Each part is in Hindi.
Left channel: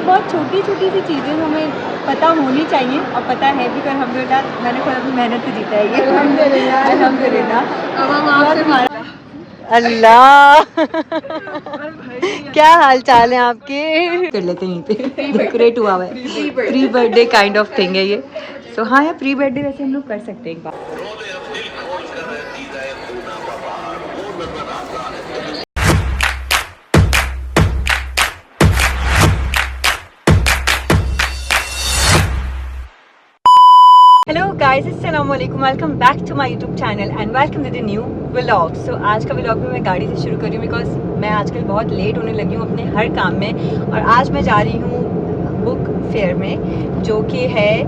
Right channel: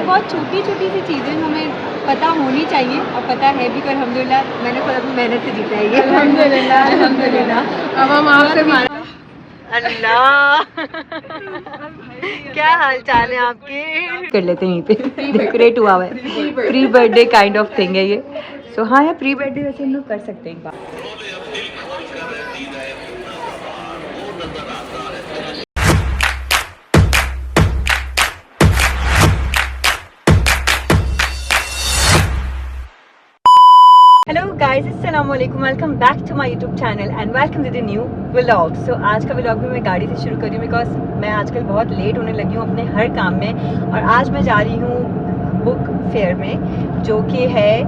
ये बहुत छोटी छोटी सी चीज़ें हमें पता होनी चाहिए और पता है भी, पर अल्हम्दुलिल्लाह मैंने खुद अपनी मेहनत से जीता है ये। अल्हम्दुलिल्लाह। अब हम आपसे अल्लाह क्या हाल चाल है आपके? कर लेते हैं यहीं पे, डेकोरेट हुआ है, pre birthday kind of thing है ये। सो हाँ यार, प्री बर्थडे वैसे हम लोग कर सकते हैं एक बार। हेलो गाइस, अस्सलाम वालेकुम, welcome back to my YouTube channel and welcome to the new vlog. So आज का व्लॉग भी मैं गाड़ी से शुरू कर रही हूँ बिकॉज मैं आजकल बहुत लेट होने लगी हूँ अपने हर काम में। और आज मैं जा रही हूँ बुक फेयर में, जो कि है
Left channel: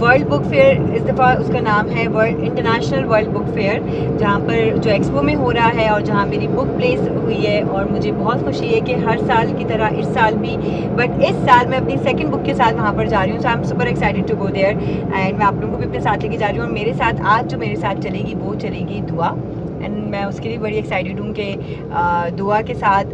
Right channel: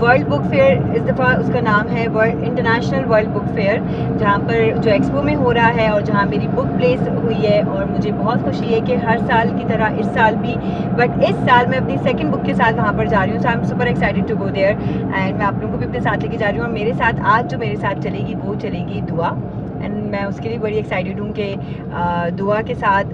वर्ल्ड बुक फेयर। इस दफ़ा उसका नाम है world international world book fair, जहाँ पर जो एक्सपो में हो रहा है और जहाँ मेरी बुक प्लेस हुई है। और मुझे बहुत खुशी है कि हर साल की तरह इस साल भी, बट इस साल मैं अपनी सेकंड बुक के साथ वहाँ पर जा रही हूँ। So I am super excited to go there and मैं आप लोगों को भी अपने साथ लेके जा रही हूँ। और मेरे साथ आज जो मेरे साथ चलेगी वो चलेगी दुआ, एंड मैं उसके लिए बड़ी एक्साइटेड हूँ कि दुआ के साथ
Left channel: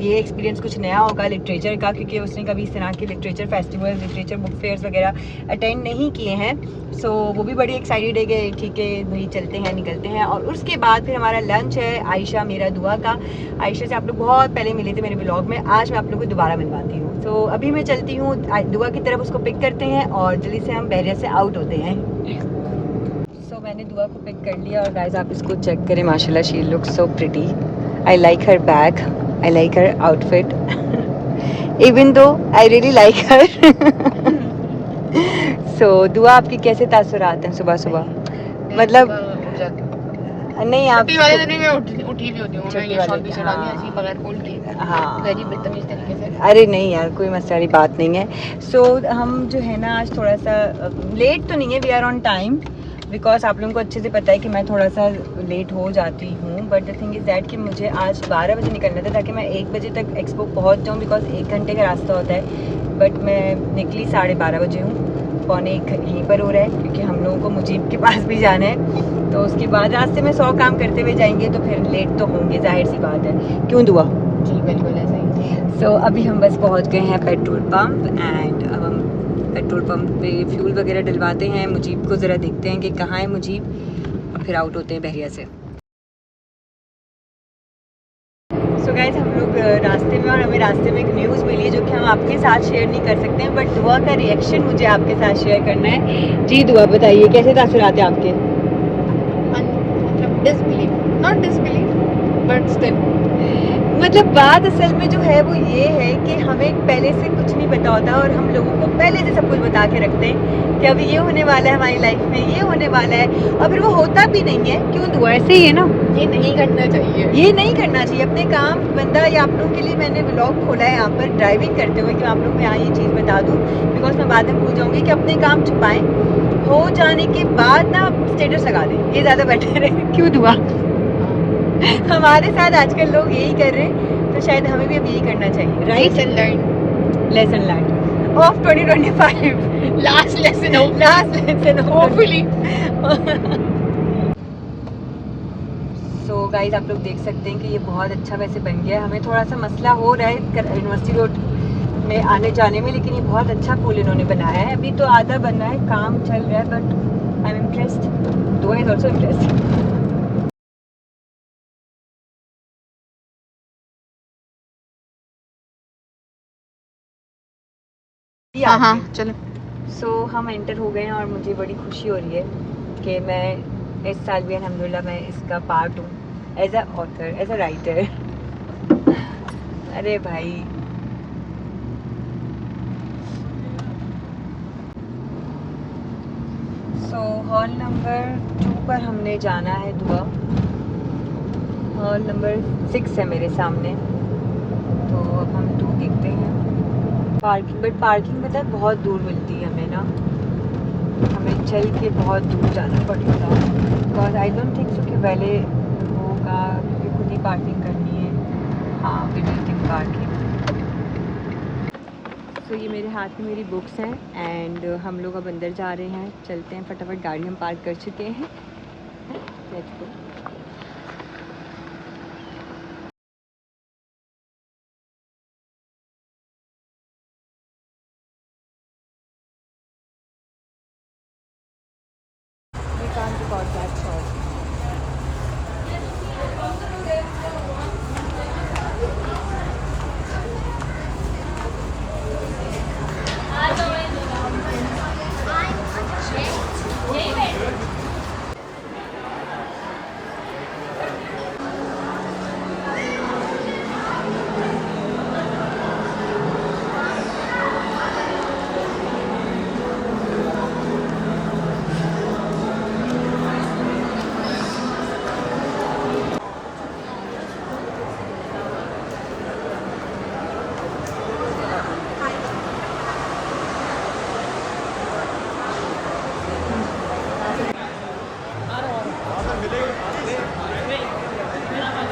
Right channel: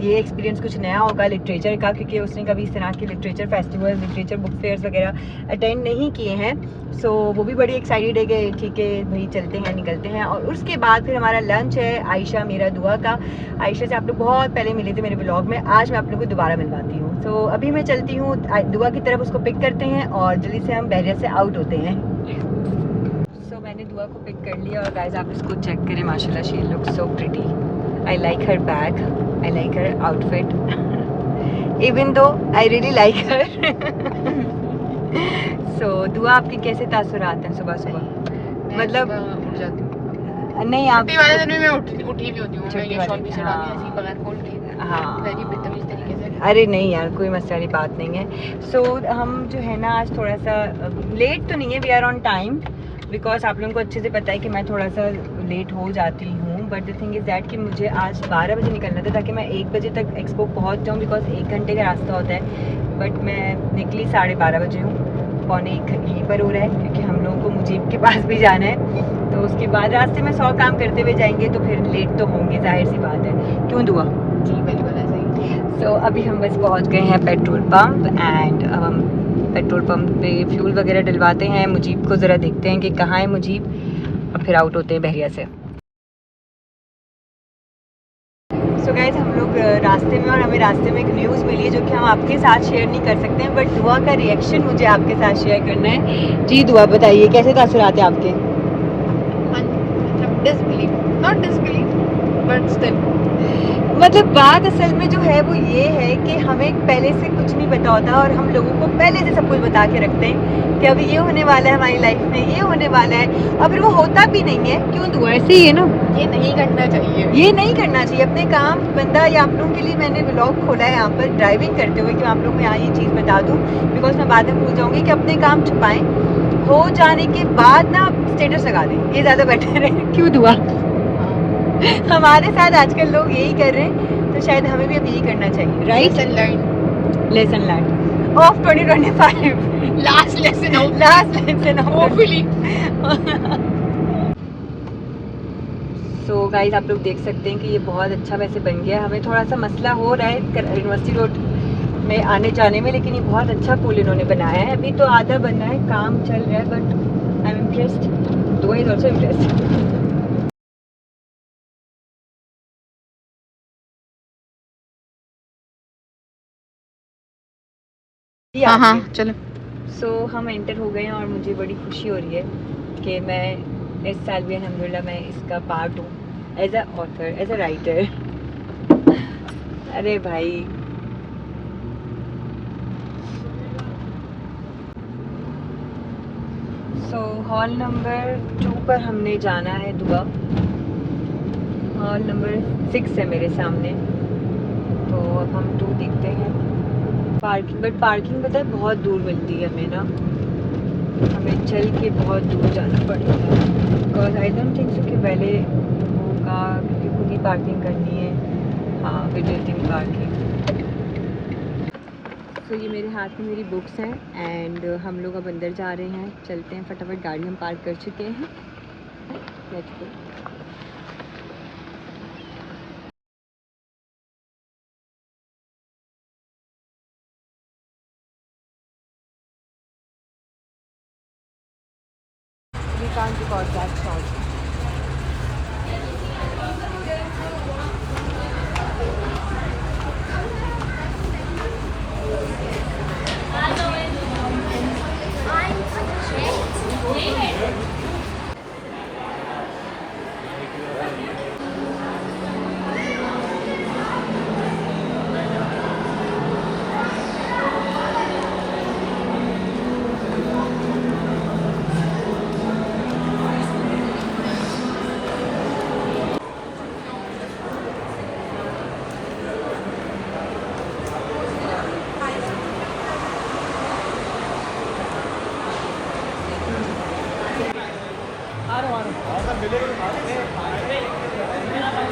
ये एक्सपीरियंस कुछ नया होगा लिटरेचर का, क्योंकि उसने कभी इस तरह के literature festival, literature book fairs वगैरह अटेंड नहीं किए हैं। सो वो भी बड़ी एक्साइटेड है कि ठीक है भाई चलते हैं, निकलते हैं। और उसके बाद फिर हमारा लंच है आयशा मेरा दुआ का। आयशा से आप लोग बहुत पहले मिले थे मेरे ब्लॉग में, आज मैं आप लोग को दोबारा मिलवाती हूँ। तो अभी मैं चलती हूँ दुआ की तरफ, उसको पिक करते हैं और जल्दी से हम बहरिया से आउट होते हैं। सो मैंने दुआ को पिक कर लिया और गाइस आप इसको चेक करें, माशाल्लाह she looks so pretty. I like her bag, I like her outfit, even though I really like हर। सो दुआ, आपके कैसे तासुरात हैं सुबह सुबह? मतलब नहीं, आप छुट्टी वाले दिन में उठी भी होती हूँ, छुट्टी मैं शॉल भी वाले, चढ़ानी ऐसी बगैर खोल के, हाँ वेरी बदतमीज तरीके से। अरे नहीं यार, कोई मसले वाली बात नहीं है। सो हम जो है ना आज थोड़ा सा लेट तो नहीं है, we are on time, because आप लोगों को अच्छे से पता है कि मैं थोड़ा सा लेट हो जाती हूँ। But the thing is that कि मुझे आज 12 बजे निकलना था ताकि मैं 1 बजे तक एक्सपो पहुँच जाऊँ, बिकॉज 1 घंटे का रास्ता होता है। बट मैं निकली 12:30 बजे हूँ, पौने 1 यहीं पर हो रहा है, क्योंकि हम लोगों को मुजीब के पास भी जाना है। तो उसके बाद रास्ते में 100 काम करते हुए जाएंगे तो फिर लेट तो होंगे, जाहिर सी बात है। क्यों दुआ? जी बिल्कुल ऐसे ही। सो अभी हम बस पहुंच गए हैं पेट्रोल पंप, एंड अब हम पेट्रोल पंप पे फ्यूल वगैरह डलवाते हैं। मुजीब को ज़रा देखते हैं कि कहाँ है मुजीब, और फिर आउट होते हैं बहरिया से। सो गाइस हम लोग रास्ते में, और हमें रास्ते में एक न्यूज़ मिली है जो कि हम आपके साथ शेयर नहीं कर सकते हैं, बट दुआ का रिएक्शन मुझे आपके साथ शेयर करना है। जी दुआ बताइए, कैसे तासुरात हैं आपके? मतलब disbelieve, not disbelieve but still, मतलब बात असल में जो है वो ये है कि हमें पहले से कुछ नहीं पता होता और हम लोगों को पहले से सब कुछ बता के रखते हैं कि अभी ये होने वाला है हमारी लाइफ में, ये होने वाला है, और फिर वो होता भी नहीं है। क्यों दुआ? ऐसे ही है ना, ये नहीं करना चाहिए, ये नहीं करना चाहिए अपने काम बंदा। या आप लोगों के लिए मैंने व्लॉग खोला है यहाँ पर ड्राइविंग करते हुए कि मैं आप लोगों को यहाँ ये चीज़ बता दूँ, बिकॉज मैं बाद में भूल जाऊँगी कि अपने काम छुपाएं, हो जाने के बाद ना स्टेटस लगा दें, ये ज़्यादा बेटर है। क्यों दुआ? हमारे साथ आजकल लोग यही कर रहे हैं, तो शायद हमें भी अब यही करना चाहिए, right? Lesson learn, lesson learn of 2025, last lesson हो, last lesson hopefully. So guys आप लोग देख सकते हैं कि ये बहुत अच्छा वैसे बन गया। हमें थोड़ा सा मसला हो रहा है यूनिवर्सिटी रोड में आने जाने में, लेकिन ये बहुत अच्छा पुल इन्होंने बनाया है। अभी तो आधा बन रहा है, काम चल रहा है, बट आई एम इम्प्रेस्ड, दुआ इज ऑल्सो इम्प्रेस्ड। हाँ हाँ चलो। सो हम एंटर हो गए हैं और मुझे बड़ी खुशी हो रही है कि मैं इस साल भी अल्हम्दुलिल्लाह मैं इसका पार्ट हूँ, as a author, as a writer. अरे भाई सो हॉल नंबर 2 पर हमने जाना है दुआ। हॉल नंबर 6 है मेरे सामने, तो अब हम 2 देखते हैं। पार्किंग, बट पार्किंग पता है बहुत दूर मिलती है हमें ना, हमें चल के बहुत दूर जाना पड़ेगा, because I don't think so कि पहले होगा, क्योंकि खुद ही पार्किंग करनी है। हाँ, विजिटिंग पार्किंग। तो ये मेरे हाथ में मेरी बुक्स हैं, एंड हम लोग अब अंदर जा रहे हैं, चलते हैं फटाफट, गाड़ी हम पार्क कर चुके हैं, let's go. we can't record that short.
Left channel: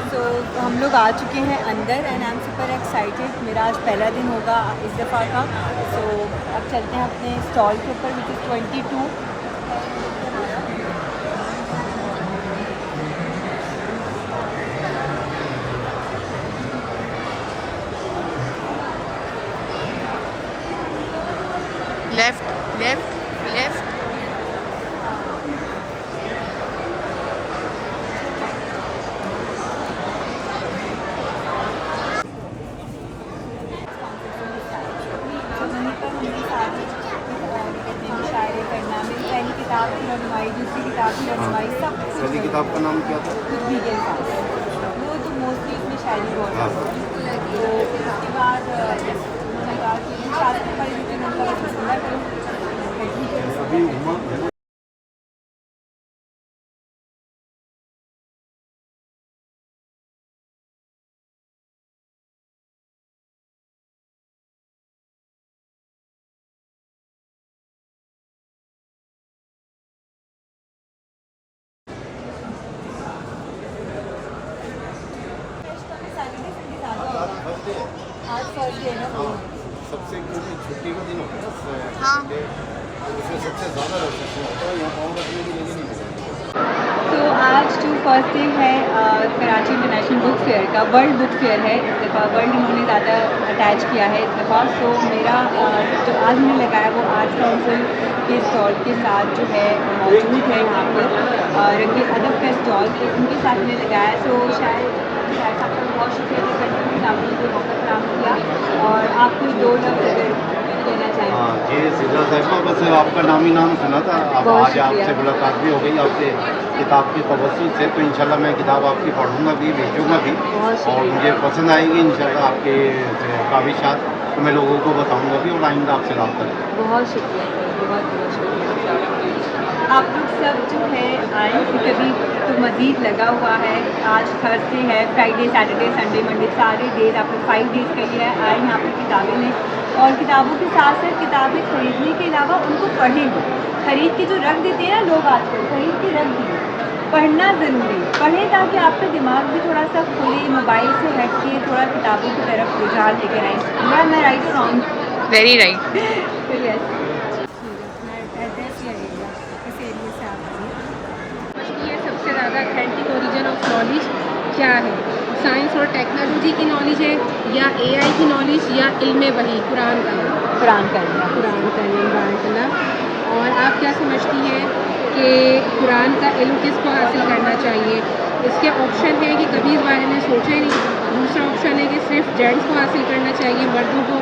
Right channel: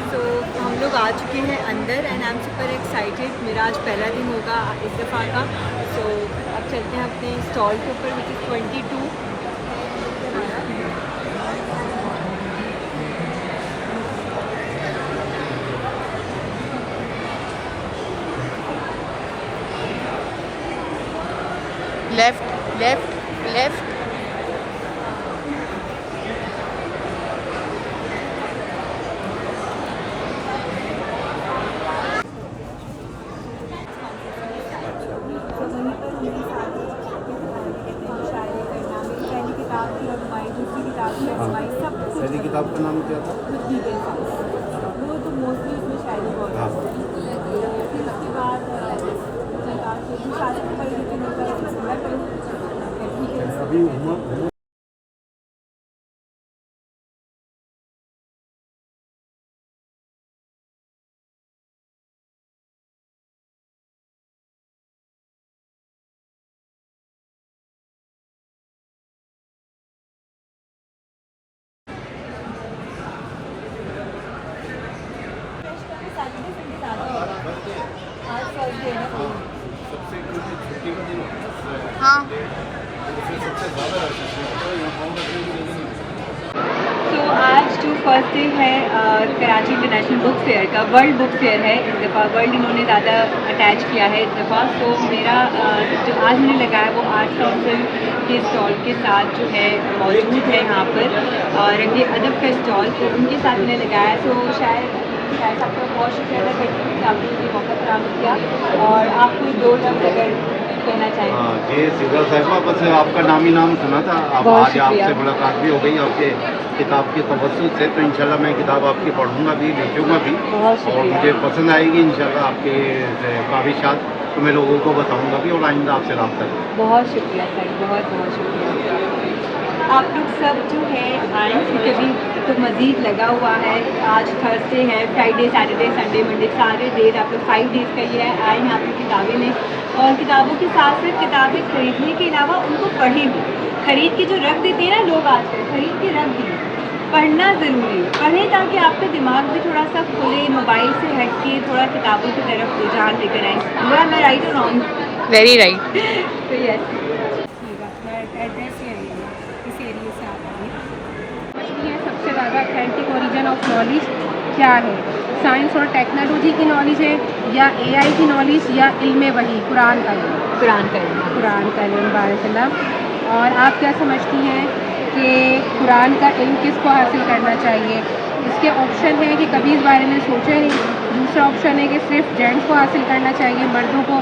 तो हम लोग आ चुके हैं अंदर and I am super excited. मेरा आज पहला दिन होगा इस दफ़ा का। तो अब चलते हैं अपने स्टॉल के ऊपर, which is 22। Left left left. पहली किताब का नाम क्या था? वो तो मोस्टली उसमें शायरी बहुत हाँ। तो फिर उसके बाद मैंने कहा कि शायद अभी उमा आज फर्स्ट डे है ना। सबसे क्योंकि छुट्टी का दिन होता है हाँ उसमें सबसे ज़्यादा रश होता है, यहाँ पाँव रखने की जगह नहीं होती। तो आज जो फर्स्ट डे है कराची इंटरनेशनल बुक फेयर का, वर्ल्ड बुक फेयर है इस दफ़ा। वर्ल्ड इन्होंने ज़्यादा अटैच किया है इस दफ़ा। तो मेरा जो आज मैंने लगाया वो आर्ट्स काउंसिल के स्टॉल के साथ जो है मौजूद है यहाँ पर रंगे अदब का स्टॉल, तो उनके साथ मैंने लगाया। तो शायद आपका बहुत शुक्रिया अदा करती हूँ कि आपने मुझे मौका फराहम किया। और आप कोई दो लफ्ज़ अगर कहना चाहें। हाँ, ये सिद्धा साहिबा, बस आपका नाम ही नाम सुना था। अब बहुत आज शुक्रिया। आपसे मुलाकात भी हो गई आपके किताब के तवज्जुह से, तो इंशाल्लाह मैं किताब आपकी पढ़ूंगा भी, बेचूंगा भी, बहुत शुक्रिया। और मुझे पसंद आएगी इंशाल्लाह आपके काविशात, तो मैं लोगों को बताऊंगा भी और आइंदा आपसे रब्ता करूंगा। बहुत शुक्रिया सर, बहुत बहुत शुक्रिया। आप लोग सब जो है आए, क्योंकि अभी तो मज़ीद लगा हुआ है। आज थर्सडे है, फ्राइडे सैटरडे संडे मंडे सारे डेज आप लोग 5 डेज़ का ही है आए यहाँ पर किताबें लें। और किताबों के साथ साथ किताबें खरीदने के अलावा उनको पढ़ें भी। खरीद के जो रख देते हैं ना लोग आजकल, खरीद के रख दिए। पढ़ना ज़रूरी है, पढ़ें ताकि आपका दिमाग भी थोड़ा सा खुले, मोबाइल से हट के थोड़ा किताबों की तरफ रुझान लेकर आए। हुआ मैं राइट और रॉन्ग? Very right. तो यस, एड्रेस लगेगा इस एरिया से आप आइए। समझती है सबसे ज़्यादा अथेंटिक ओरिजिन ऑफ नॉलेज क्या है? साइंस और टेक्नोलॉजी की नॉलेज है, या एआई की नॉलेज, या इल्म वही कुरान का इल्म? कुरान का इल्म। कुरान का इल्म, बारकल्लाह। और आप क्या समझती हैं कि कुरान का इल्म किसको हासिल करना चाहिए? इसके ऑप्शन है कि कभी इस बारे में सोचा ही नहीं। दूसरा ऑप्शन है कि सिर्फ जेंट्स को हासिल करना चाहिए, मर्दों को।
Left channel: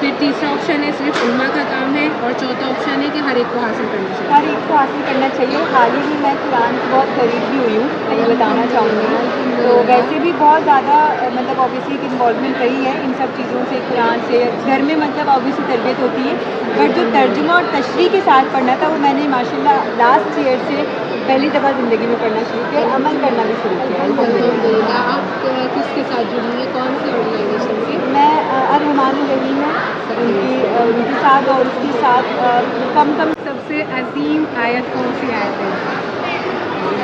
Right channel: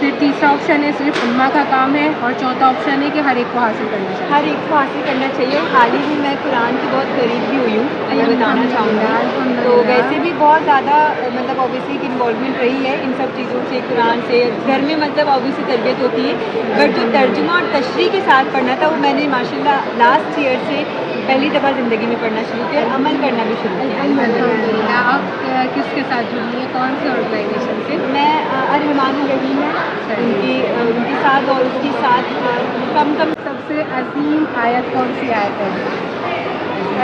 फिर तीसरा ऑप्शन है सिर्फ उम्मा का काम है, और चौथा ऑप्शन है कि हर एक को हासिल करना चाहिए। हर एक को हासिल करना चाहिए। हाल ही में मैं कुरान की बहुत करीब भी हुई हूँ, मैं बताना चाहूँगा। तो वैसे भी बहुत ज़्यादा मतलब ऑब्वियसली एक इन्वॉल्वमेंट रही है इन सब चीज़ों से, कुरान से। घर में मतलब ऑब्वियसली तरबियत होती है, बट जो तर्जुमा और तशरीह के साथ पढ़ना था वो मैंने माशाल्लाह लास्ट ईयर से पहली दफ़ा ज़िंदगी में पढ़ना शुरू किया और अमल करना भी शुरू किया अल्हम्दुलिल्लाह। आप किसके साथ जुड़ी हैं, कौन सी ऑर्गेनाइजेशन से? मैं रहमान रही है उनके साथ, और उसके साथ कम सबसे अजीम आयत कौन सी आयत है?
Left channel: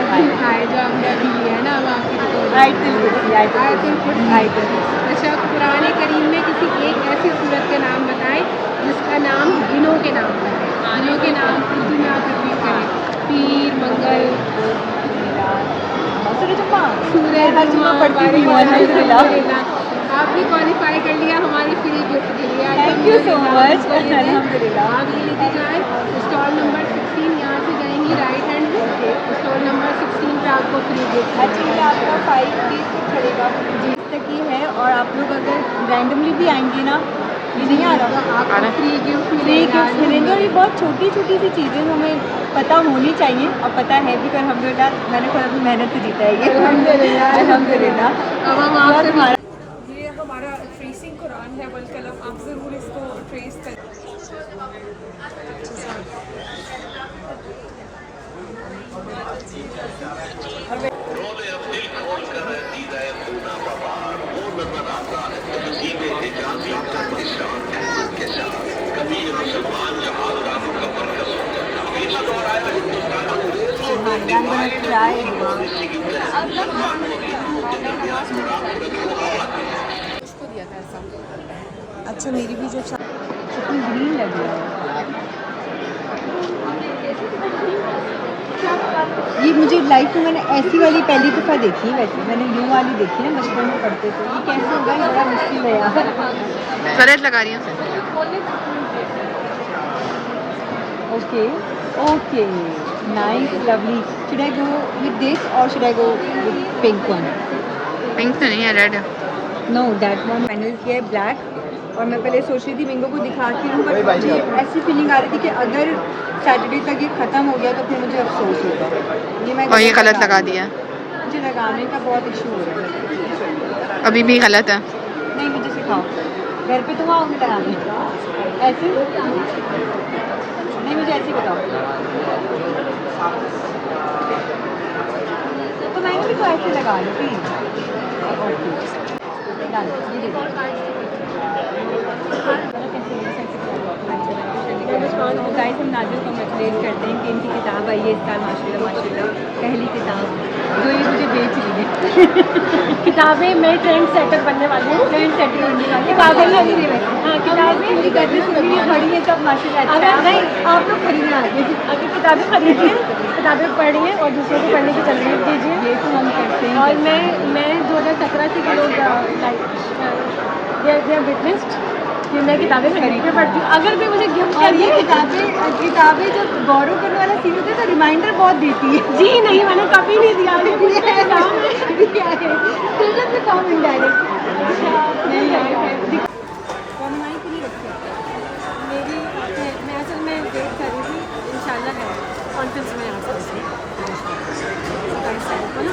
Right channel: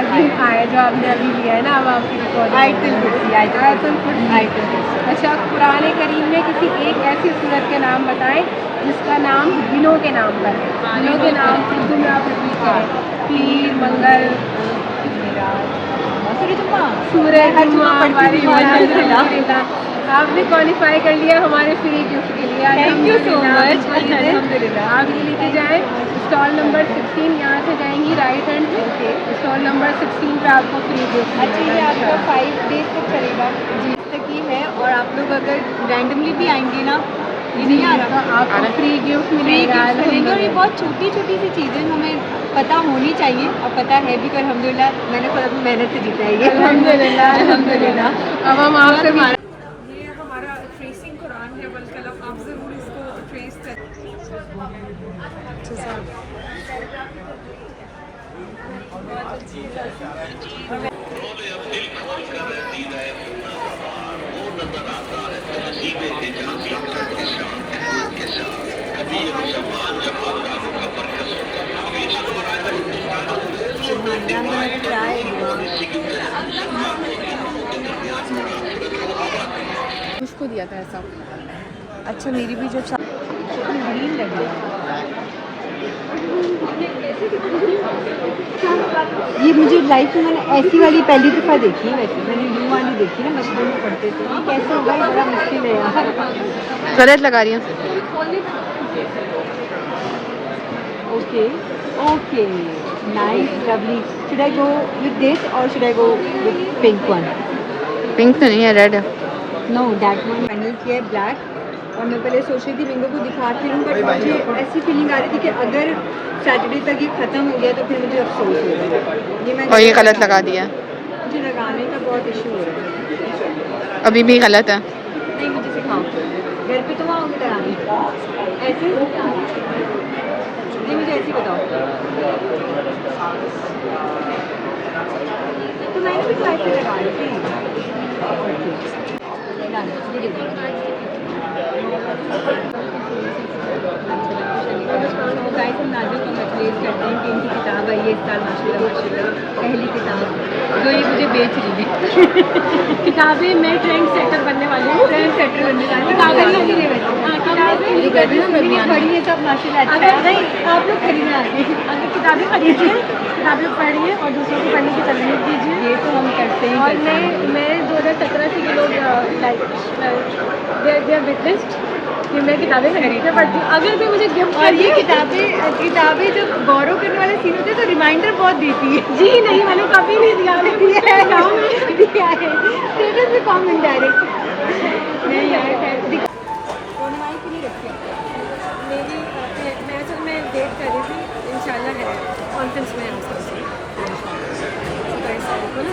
अजीम आयत जो आपने अभी लिया है ना, अब आपकी रिकॉर्डिंग। आयतुल कुर्सी। आयतुल कुर्सी। आयतुल कुर्सी। अच्छा, कुरान करीम में किसी एक ऐसी सूरत के नाम बताएं जिसका नाम दिनों के नाम पर है। दिनों के नाम उर्दू में आप रिपीट करें। पीर, मंगल, सूरह हर जुम्मा पढ़ती हूँ अल्हम्दुलिल्लाह। आप भी क्वालिफाई कर लिया हमारे फ्री गिफ्ट के लिए। थैंक यू सो मच अल्हम्दुलिल्लाह। आप ये लेके जाएँ स्टॉल नंबर 6 16 यहाँ से जाएंगी राइट हैंड पे, स्टॉल नंबर 16 पे आपको फ्री गिफ्ट। अच्छा, ये आपका 5 डेज तक चलेगा जी तक ही है। और आप लोग अगर रैंडमली भी आएंगे ना, ये नहीं आ रहा, आपको फ्री गिफ्ट फ्री गिफ्ट मिलेंगे। और ये बहुत छोटी छोटी सी चीज़ें हमें पता होनी चाहिए, और पता है भी। कर अल्हम्दुलिल्लाह मैंने खुद अपनी मेहनत से जीता है ये अल्हम्दुलिल्लाह। अब हम आपसे भी ये हमारा ट्रेसिंग कुरान है, बल्कि आप ज़रूर इसको ट्रेस करें। इसको दिया था ऐसा। अच्छा, मेरी भी जो ग्रीन लग रहा है, ये मुझे लाइफ में मैंने ऐसी वाली पहली दफ़ा देखी है। वैसे मैंने यूँ वाली देखी ना, बचपन में पढ़ते थे। ये कैसे होगा, ये बड़ा मुश्किल है यार। गलत लगा रही हूँ। Okay okay, nice, lovely. Should I go with this और should I go with pink one? Pink तो नहीं है, रेड है। नो, दैट वन फाइनल किया है ब्लैक। और मैं पहले सोच रही थी मिंगो को दिखाती हूँ, बट मुझे ऐसी फीलिंग आ रही थी कि अगर सैटरडे तक ये ख़त्म हो गया तो फिर मुझे अफसोस होगा। ये मैं और ये गलत लगा दिया। मुझे लगाने का बहुत इशू हो रहा है। अभी भी गलत है। नहीं, मुझे सिखाओ, घर पे तुम आओगे लगाने ऐसे? नहीं, मुझे ऐसे बताओ। तो मैंने भी तो ऐसे लगा ली थी। ओके, ये देखो। तो गाइस, हम नाज़ियों को मचलेज करते हैं कि इनकी किताब आई है इस साल माशाल्लाह माशाल्लाह, पहली किताब जो ये मुझे बेच रही है। किताबें मैं ट्रेंड सेटर बनने वाली हूँ। ट्रेंड सेटर बनने वाली है। किताबें लगी रही है, बड़ी है सब माशाल्लाह। अच्छा है। नहीं, आप लोग खरीदना आगे। अगर किताबें खरीदिए, किताबें पढ़िए और दूसरों को पढ़ने की तरजीह दीजिए। ये तो हम करते ही और करते हैं। मैं 2017 के लोग दे विटनेस्ड कि मैं किताबें खरीदते पढ़ती हूँ। अगर कोई मुझे गिफ्ट और ये किताबें जब गौरव करने वाला सीन होता है तो रिमाइंडर बहुत देती है। जी नहीं, मैंने कभी नहीं दिया। दिया है स्टेटस में कम इनडायरेक्ट। नहीं यार, खैर ऑनलाइन की नहीं रखी मेरी मैं वेट कर रही थी, इंशाल्लाह है कॉन्फ्रेंस में ना,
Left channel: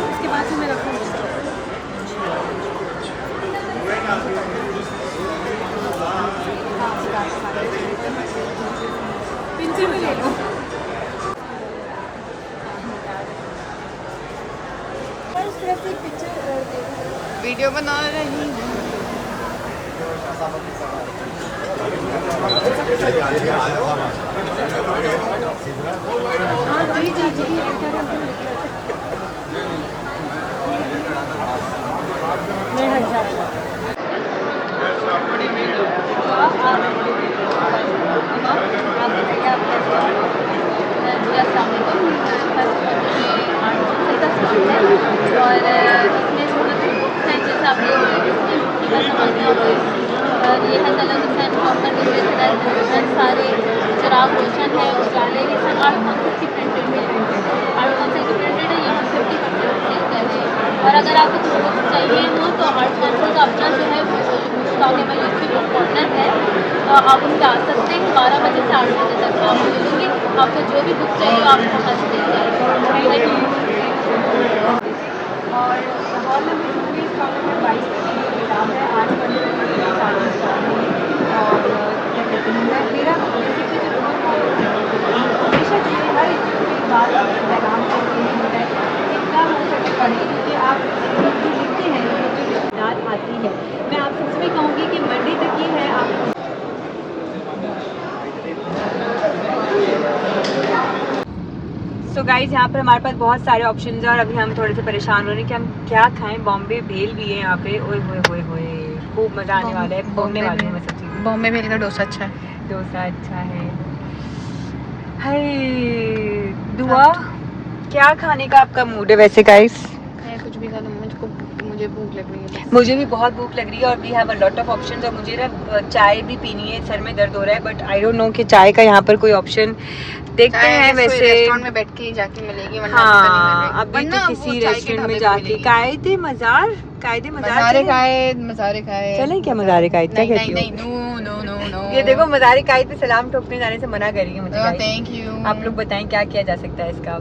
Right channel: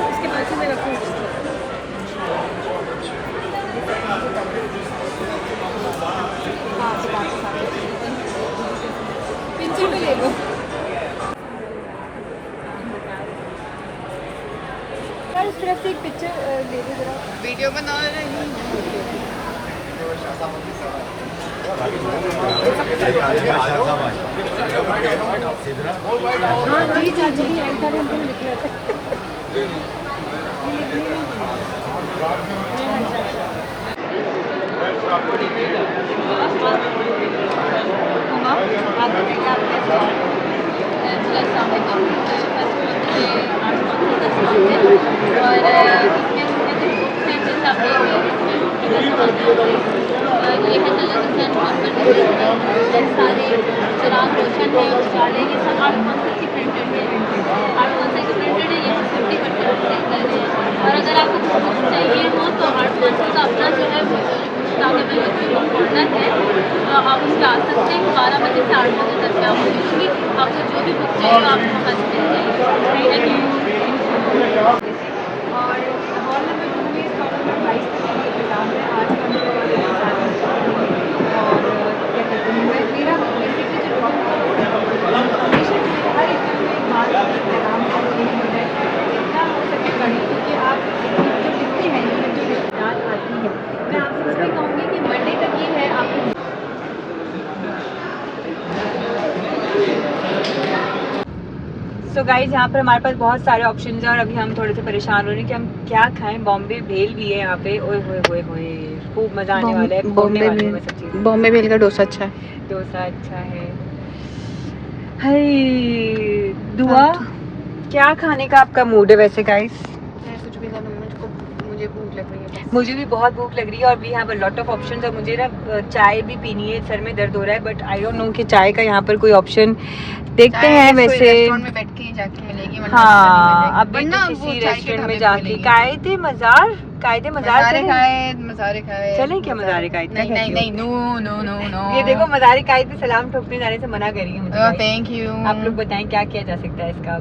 उसके बाद से मैं रखूँगी। पिंचर भी ले लो। सिर्फ एक पिक्चर दे दो जरा। वीडियो बना रही हूँ। जी जी जी, आप बताइए आप कैसे और? और ये है कलर डिज़ाइन प्रॉपर सारे चिराग रोशन है, उजाले के साथ 8 कॉन्सेप्ट की प्रिंटेड है, 8 कॉन्सेप्ट की प्रिंटेड है। ये हम 50% सेल कर रहे हैं। और अगर आपको कुछ बुक्स चाहिए हो तो आर्ट पेंसिल का अपना जो है ताकि मैं यूपी बुक कॉर्नर है, तो आप उससे आ सकते हैं। 12 बजे से 8 बजे तक मैं आपको दूँगी। आपको जो भी बुक चाहिए आप वहाँ से मिल जाएगी। Thank you. और हॉल नंबर 19 हॉल नंबर 22 पर ये किताब है आज और क्या कहते हैं, मैं मेरा हमेशा हर एक बात पैगाम करती है इतना हो सके पढ़ें, क्योंकि आप जो लिखते हैं जो रात आती है, मैं आपसे उसमें कहूँगी कि मंडे तक ये है आप। सो गाइज, यहाँ पर हमारे पास बहुत सारे ऑप्शन हैं और अभी हम थोड़े से परेशान हो रहे हैं कि हम क्या खाएं। बॉम्बे भेल भी है यहाँ पे, ओए होए होए होए, खूब मज़ा आने वाला है। घूमने वाले हैं सब चीज़ें। बॉम्बे भेल का डोसा अच्छा है। डोसा अच्छा है। हाय दुआ, क्या खाने का आपका मूड है वैसे गाइस? मैं कुछ भी खा लूँ, मुझे भूख लग रही है। मुझे भी बहुत भूख लग रही है और we have a lot of options. और मुझे ना चाय भी पीनी है, सर में दर्द हो रहा है, बट आई डोंट नो कि चाय का यहाँ पर कोई ऑप्शन देखते हैं वैसे। रेस्टोरेंट में बैठ के ही जाके मिलेगी, वरना हाँ, अभी वरना तो वो किसी चाय के रेस्टोरेंट में ढाबे पे जाके मिलेगी। कायदे मज़ार मज़ारे खाए चलें क्या मज़ारे कायद? नहीं नहीं नहीं, नो नो नो नो। ये देखो मज़ारे कायद पे सलाम ठोकने जाने से मना कर रही है मुझे guys। Thank you. आप लोग बताएं क्या किया जा सकता है इसका।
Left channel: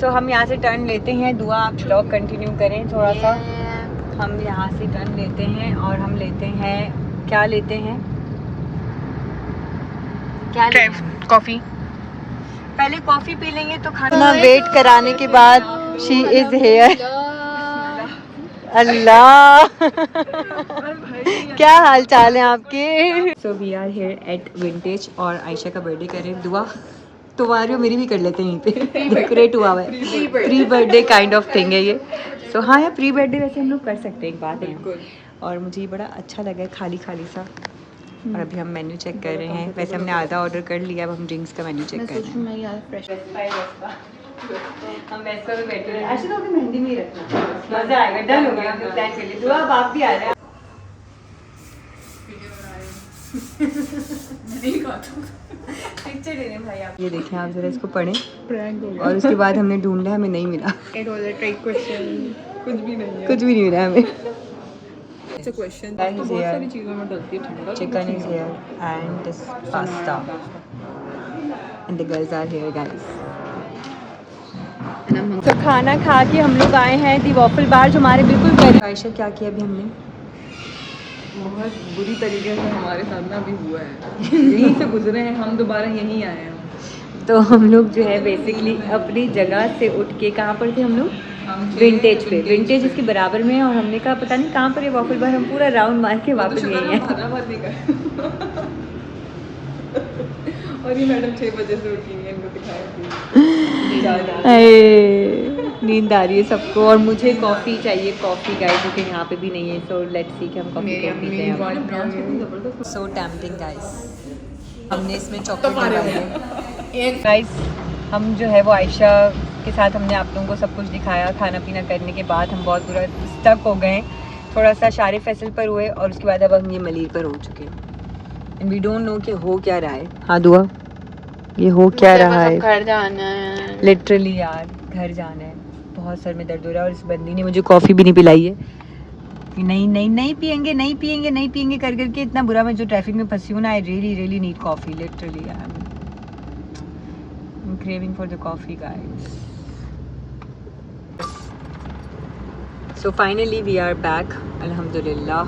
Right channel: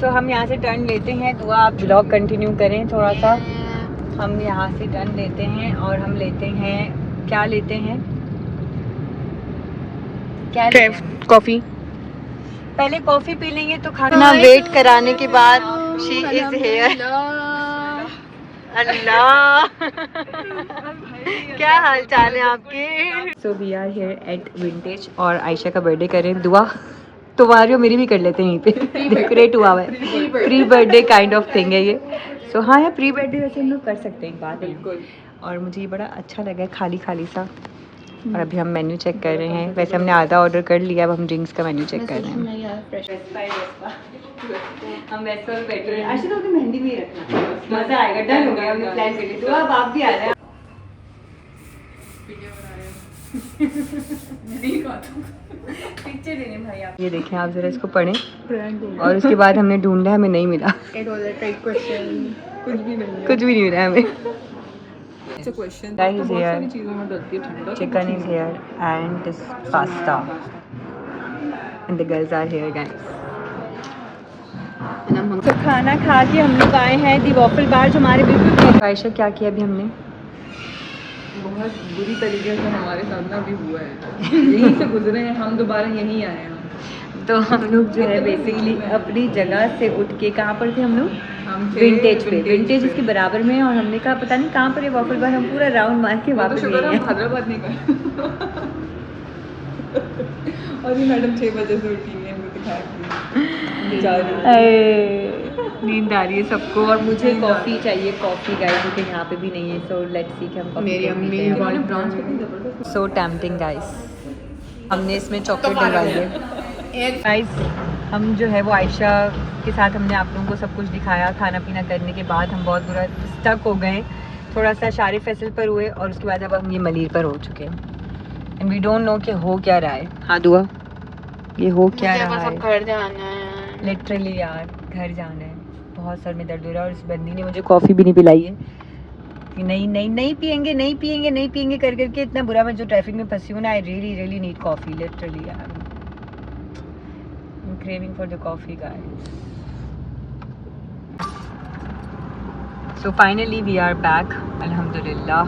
सो हम यहाँ से टर्न लेते हैं। दुआ आप ब्लॉग कंटिन्यू करें थोड़ा सा। हम यहाँ से टर्न लेते हैं और हम लेते हैं, क्या लेते हैं, क्या लेते हैं? कॉफी। पहले कॉफ़ी पी लेंगे तो खाना वेट कराने के बाद शी इज़ हेयर। अल्लाह क्या हाल चाल है आपके? So we are here at vintage और आयशा का बर्थडे करें। दुआ तुम्हारी और मेरी भी कर लेते हैं यहीं पे, डेकोरेट हुआ हुआ है, pre birthday kind of thing है ये। सो हाँ यार, प्री बर्थडे वैसे हम लोग कर सकते हैं, एक बात है। और मुझे ये बड़ा अच्छा लगा है, खाली खाली सा। और अभी हम मेन्यू चेक कर रहे हैं। वैसे हमने आधा ऑर्डर कर लिया, अब हम ड्रिंक्स का मेन्यू चेक कर रहे हैं। हम वेस्पा में बैठे हैं। अच्छा तो अपनी मेहंदी में ही रखना, मजा आएगा। डन हो गया, हमने प्लान कर लिया। दुआ अब आप भी आ रहे हैं। पिक्चर लेने भाई आप। ये देखें आप जरा, इसको पढ़ें। और उसके बाद हमने ढूंढा, हमें नहीं मिला। कुछ भी नहीं कुछ भी नहीं मिला हमें। क्वेश्चन Guys, बहुत here. सारी चीज़ों में डलती है ठंडा। Chicken is here and this pasta. And the girls are here, guys. तो खाना खा के हम लोग आए हैं दी वॉफल बार, जो हमारे बिल्कुल। आयशा क्या किया अभी हमने? बहुत बुरी तरीके से हमारे साथ ना अभी हुआ है। यहीं से गुजरे हैं हम, दोबारा यहीं आए हैं। तो हम लोग जो है बेसिकली अपनी जगह से उठ के, कहाँ पर थे हम लोग? विंटेज पे। विंटेज इसके बराबर में है। और हमने कहा पता नहीं कहाँ पर है वॉफल बार, हम पूरा राउंड मार के वापस गए हैं। हैदराबाद नहीं गए। और ये मैडम 6 बजे से उठी है, इनको दिखाया। नींद आ रही है सबको और मुझे कॉफ़ी चाहिए। कॉफ़ी गाइस जो कि यहाँ पे भी नहीं है। सो लेट्स सी कि हम कॉफ़ी कैसे पीते हैं। सो टेम्पटिंग गाइस। हमने इसमें चॉकलेट डलवाई है गाइस। हम जो है वो आयशा के साथ हमने आप लोगों को सब कुछ दिखाया। खाना पीना करने के बाद हम बहुत बुरा स्टक हो गए, थोड़ा सा शारिफ फैसल पर हुए और उसके बाद अब हम ये मलीर पर हो चुके हैं। एंड वी डोंट नो कि हो क्या रहा है। हाँ दुआ, ये हो क्या रहा है? घर जाना है लिटरली यार, घर जाना है। बहुत सर में दर्द हो रहा है और इस बंदी ने मुझे कॉफ़ी भी नहीं पिलाई है कि नहीं पियेंगे नहीं पियेंगे नहीं पियेंगे कर करके इतना बुरा। मैं जो ट्रैफिक में फंसी हूँ ना, I really need coffee literally यार। I'm craving for the coffee guys. So finally we are back, alhamdulillah.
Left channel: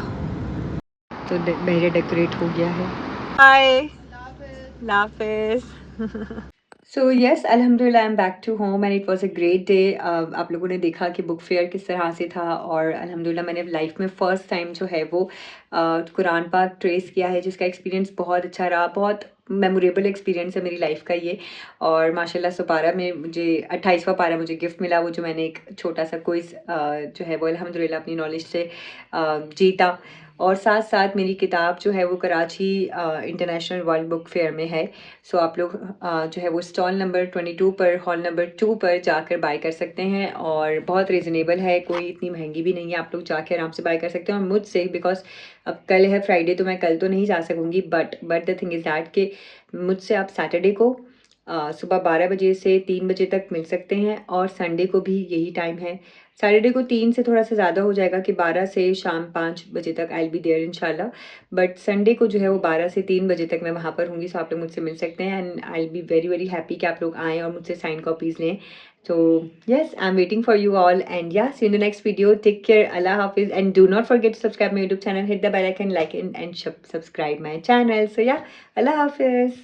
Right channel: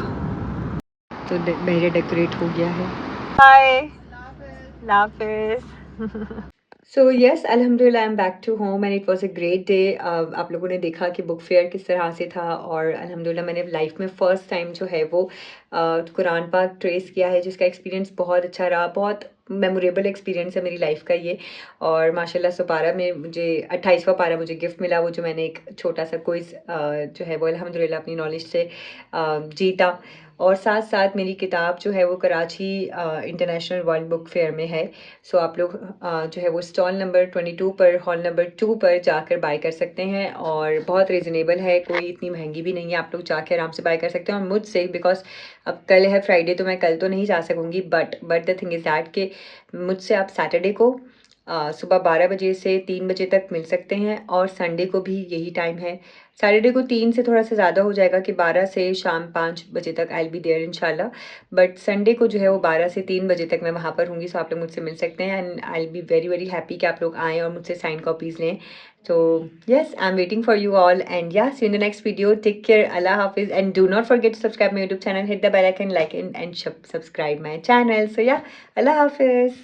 तो मेरे डेकोरेट हो गया है। Bye. Hafiz. So yes, alhamdulillah I'm back to home and it was a great day. आप लोगों ने देखा कि बुक फेयर किस तरह से था और अल्हम्दुलिल्लाह मैंने लाइफ में फ़र्स्ट टाइम जो है वो कुरान पाक ट्रेस किया है, जिसका एक्सपीरियंस बहुत अच्छा रहा। बहुत मेमोरेबल एक्सपीरियंस है मेरी लाइफ का ये। और माशाल्लाह से पारा में मुझे 28वां पारा मुझे गिफ्ट मिला, वो जो मैंने एक छोटा सा क्विज़ जो है वो अल्हम्दुलिल्लाह अपनी नॉलेज से जीता। और साथ साथ मेरी किताब जो है वो Karachi international world book fair में है। सो आप लोग जो है वो स्टॉल नंबर 22 पर, हॉल नंबर 2 पर जाकर बाय कर सकते हैं और बहुत रीज़नेबल है, कोई इतनी महंगी भी नहीं है। आप लोग जाके आराम से बाय कर सकते हैं। और मुझसे, बिकॉज अब कल है फ्राइडे तो मैं कल तो नहीं जा सकूँगी, but the thing is that कि मुझसे आप सैटरडे को सुबह 12 बजे से 3 बजे तक मिल सकते हैं और संडे को भी यही टाइम है। सैटरडे को 3 से थोड़ा सा ज़्यादा हो जाएगा कि 12 से शाम 5 बजे तक आई विल बी देयर इंशाल्लाह। बट संडे को जो है वो 12 से 3 बजे तक मैं वहाँ पर होंगी। सो आप लोग मुझसे मिल सकते हैं and I will be very happy कि आप लोग आएँ और मुझसे साइन कॉपीज़ लें। So yes, I'm waiting for you all and yeah, see you in the next video. Take care. Allah Hafiz and do not forget to subscribe my YouTube channel, hit the bell icon, like and subscribe my channel. So yeah, Allah Hafiz.